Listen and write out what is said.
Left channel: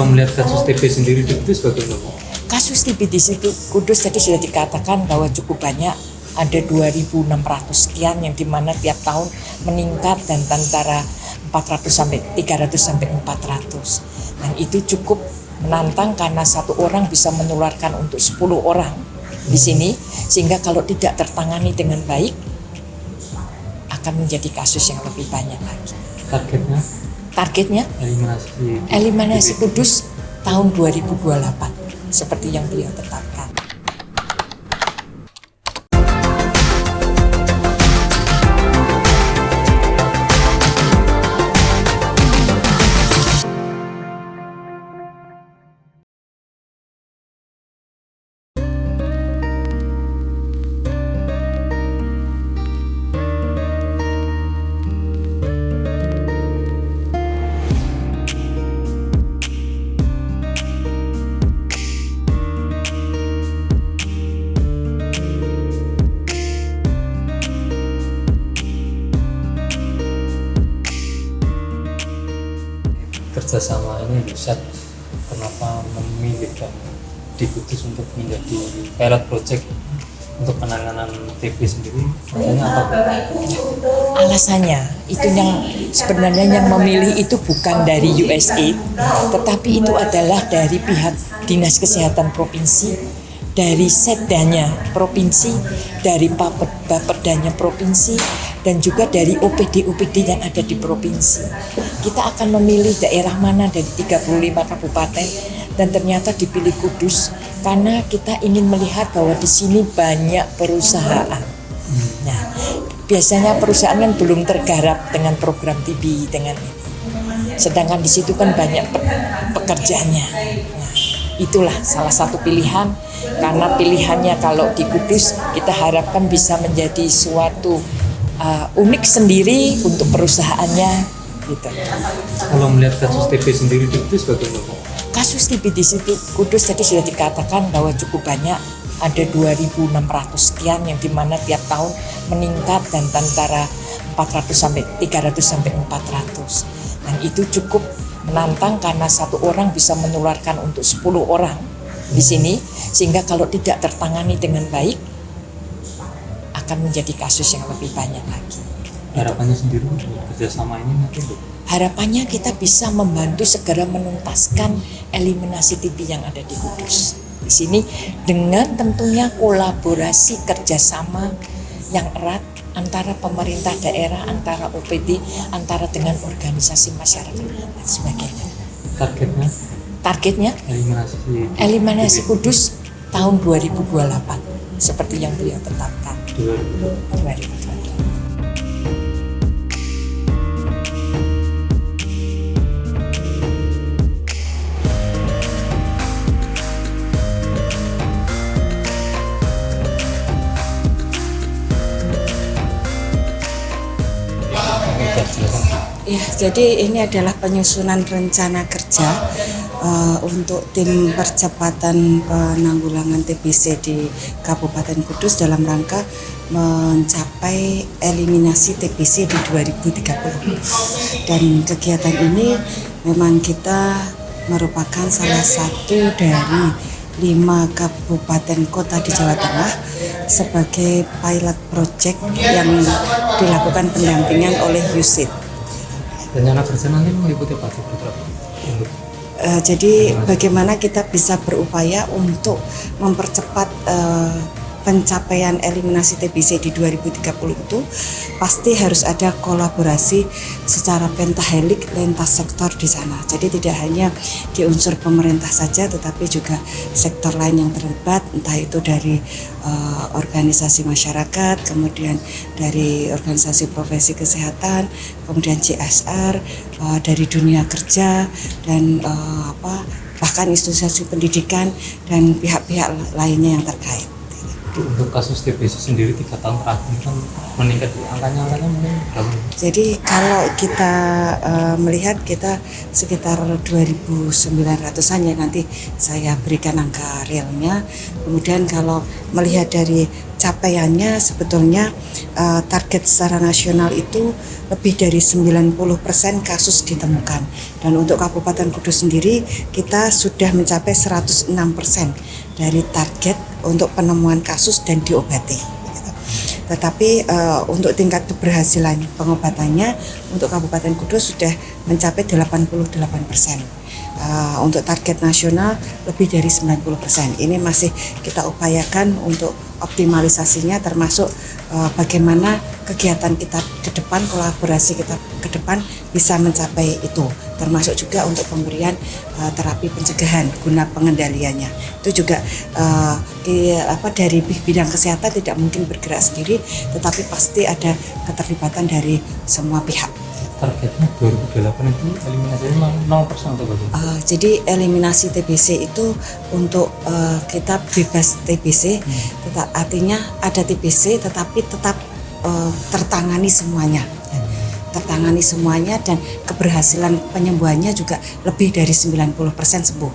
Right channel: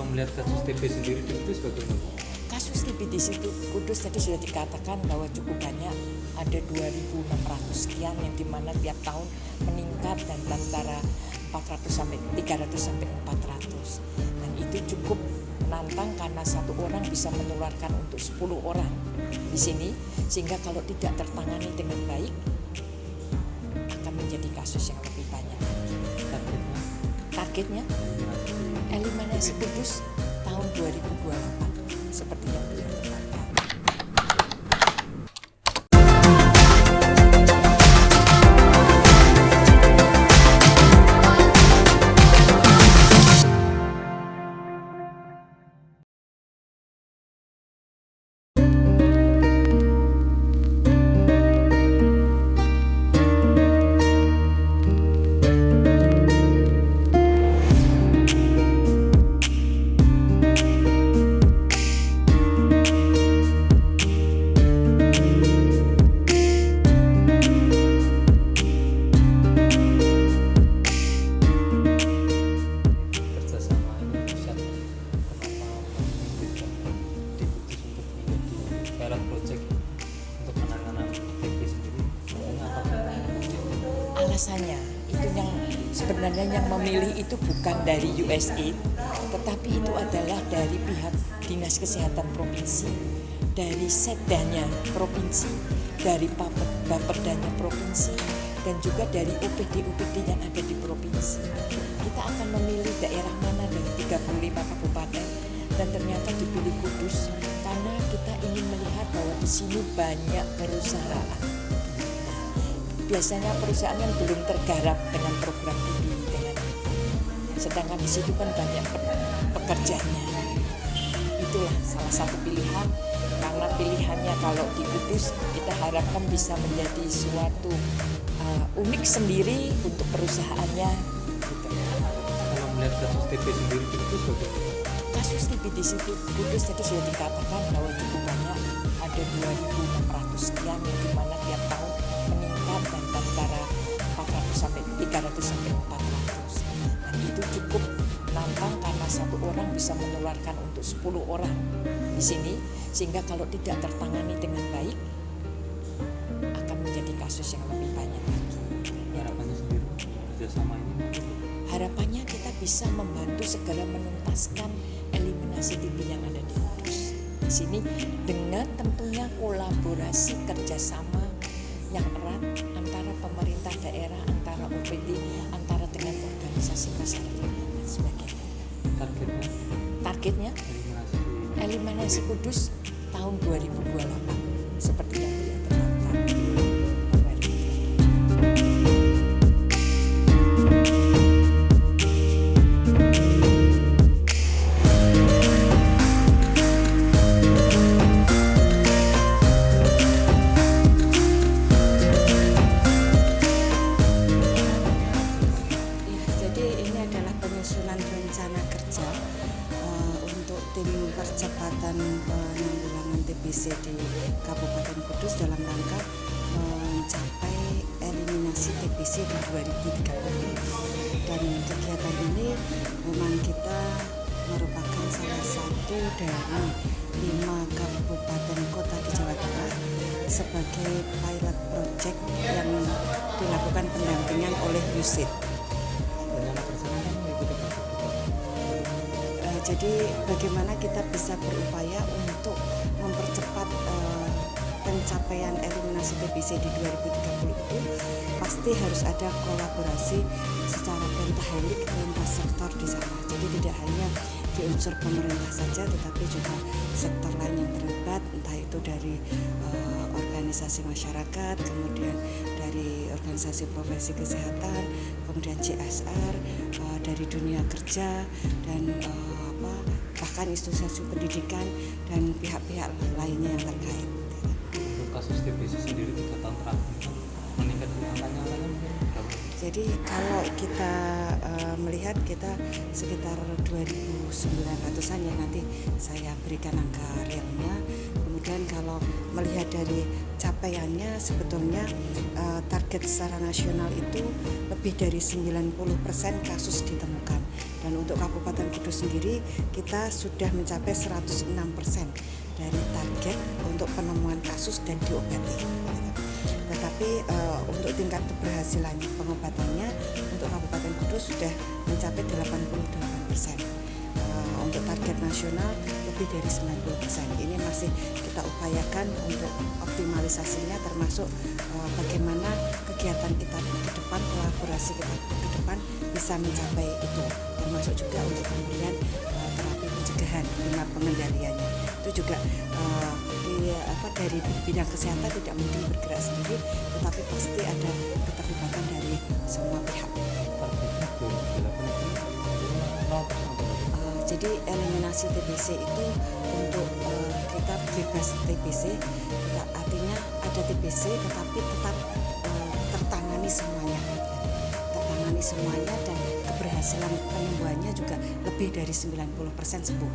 Kalau melihat kasus TB sendiri di Kudus bagaimana? Kasus TB di situ Kudus tadi sudah dikatakan bahwa cukup banyak, ada 2.600 sekian yang dimana tiap tahun meningkat dan antara 400 sampai 300 sampai 400. Dan itu cukup menantang karena satu orang bisa menularkan untuk 10 orang di sini, sehingga kalau tidak tertangani dengan baik akan menjadi kasus yang lebih banyak lagi. Targetnya eliminasi Kudus tahun 2028 seperti yang beliau tetapkan. Kerjasama ini pusat kenapa memilihkan di Kudus untuk menjadi pilot project untuk penanganan TB sendiri? Makanya apa? Alasannya itu yang sebenarnya yang memilih itu bukan dari USAID, tetapi itu adalah dari pihak Dinas Kesehatan Provinsi, dari Setdanya Provinsi, dari Bapedanya Provinsi, dan juga dari OPD-OPD yang ada di provinsi. Kita akan memilih daerah mana dari 35 kabupaten dan ternyata dipilih Kudus karena kita ingin melihat bahwa di sini banyak perusahaan. Nah, biasanya perusahaan kan belum tergarap dengan program TB dengan ini. Sedangkan di situ kan banyak pekerjaannya. Nah, itulah salah satu pilihan karena pilihannya kalau di Kudus kita harapkan bisa menjadi suatu unik sendiri untuk perusahaannya gitu. Kalau melihat kasus TB sendiri di Kudus bagaimana? Kasus TB di situ Kudus tadi sudah dikatakan bahwa cukup banyak, ada 2.600 sekian yang dimana tiap tahun meningkat dan antara 400 sampai 300 sampai 400. Dan itu cukup menantang karena satu orang bisa menularkan untuk 10 orang di sini, sehingga kalau tidak tertangani dengan baik akan menjadi kasus yang lebih banyak lagi. Harapannya sendiri kerjasama ini nanti? Harapannya kita bisa membantu segera menuntaskan eliminasi TB yang ada di Kudus. Di sini dengan tentunya kolaborasi kerjasama yang erat antara pemerintah daerah, antara OPD, antara dengan organisasi masyarakat dan sebagainya. Targetnya eliminasi Kudus tahun 2028 seperti yang beliau tetapkan. 2028. Ya, jadi ini adalah penyusunan rencana kerja untuk tim percepatan penanggulangan TBC di Kabupaten Kudus dalam rangka mencapai eliminasi TBC di 2030. Dan kegiatan ini memang kita merupakan salah satu dari 5 kabupaten kota di Jawa Tengah sebagai pilot project yang dilakukan pendampingan oleh USAID. Rencana kerja nanti meliputi apa? Jadi bagaimana kita bisa berupaya untuk mempercepat pencapaian eliminasi TBC di 2030 itu pasti harus ada kolaborasi secara pentahelik lintas sektor di sana. Jadi tidak hanya di unsur pemerintah saja, tetapi juga sektor lain yang terlibat, entah itu dari organisasi masyarakat, kemudian dari organisasi profesi kesehatan, kemudian CSR, dari dunia kerja dan bahkan institusi pendidikan dan pihak-pihak lainnya yang terkait. Untuk kasus TBC sendiri 3 tahun terakhir kan meningkat, angkanya mungkin berapa? Jadi kalau kita melihat kita sekitar 2.900-an ya, nanti saya berikan angka realnya. Kemudian kalau melihat dari capaiannya sebetulnya target secara nasional itu lebih dari 90% kasus ditemukan. Dan untuk Kabupaten Kudus sendiri kita sudah mencapai 106% dari target untuk penemuan kasus dan diobati. Tetapi untuk tingkat keberhasilan pengobatannya untuk Kabupaten Kudus sudah mencapai 88%. Untuk target nasional lebih dari 90%. Ini masih kita upayakan untuk optimalisasinya, termasuk bagaimana kegiatan kita ke depan, kolaborasi kita ke depan bisa mencapai itu, termasuk juga untuk pemberian terapi pencegahan guna pengendaliannya. Itu juga dari bidang kesehatan tidak mungkin bergerak sendiri, tetapi pasti ada keterlibatan dari semua pihak. Targetnya 2008 itu eliminasinya 0% atau bagaimana? Jadi eliminasi TBC itu untuk kita bebas TBC, artinya ada TBC tetapi tetap tertangani semuanya. Dan keberhasilan penyembuhannya juga lebih dari 90% sembuh.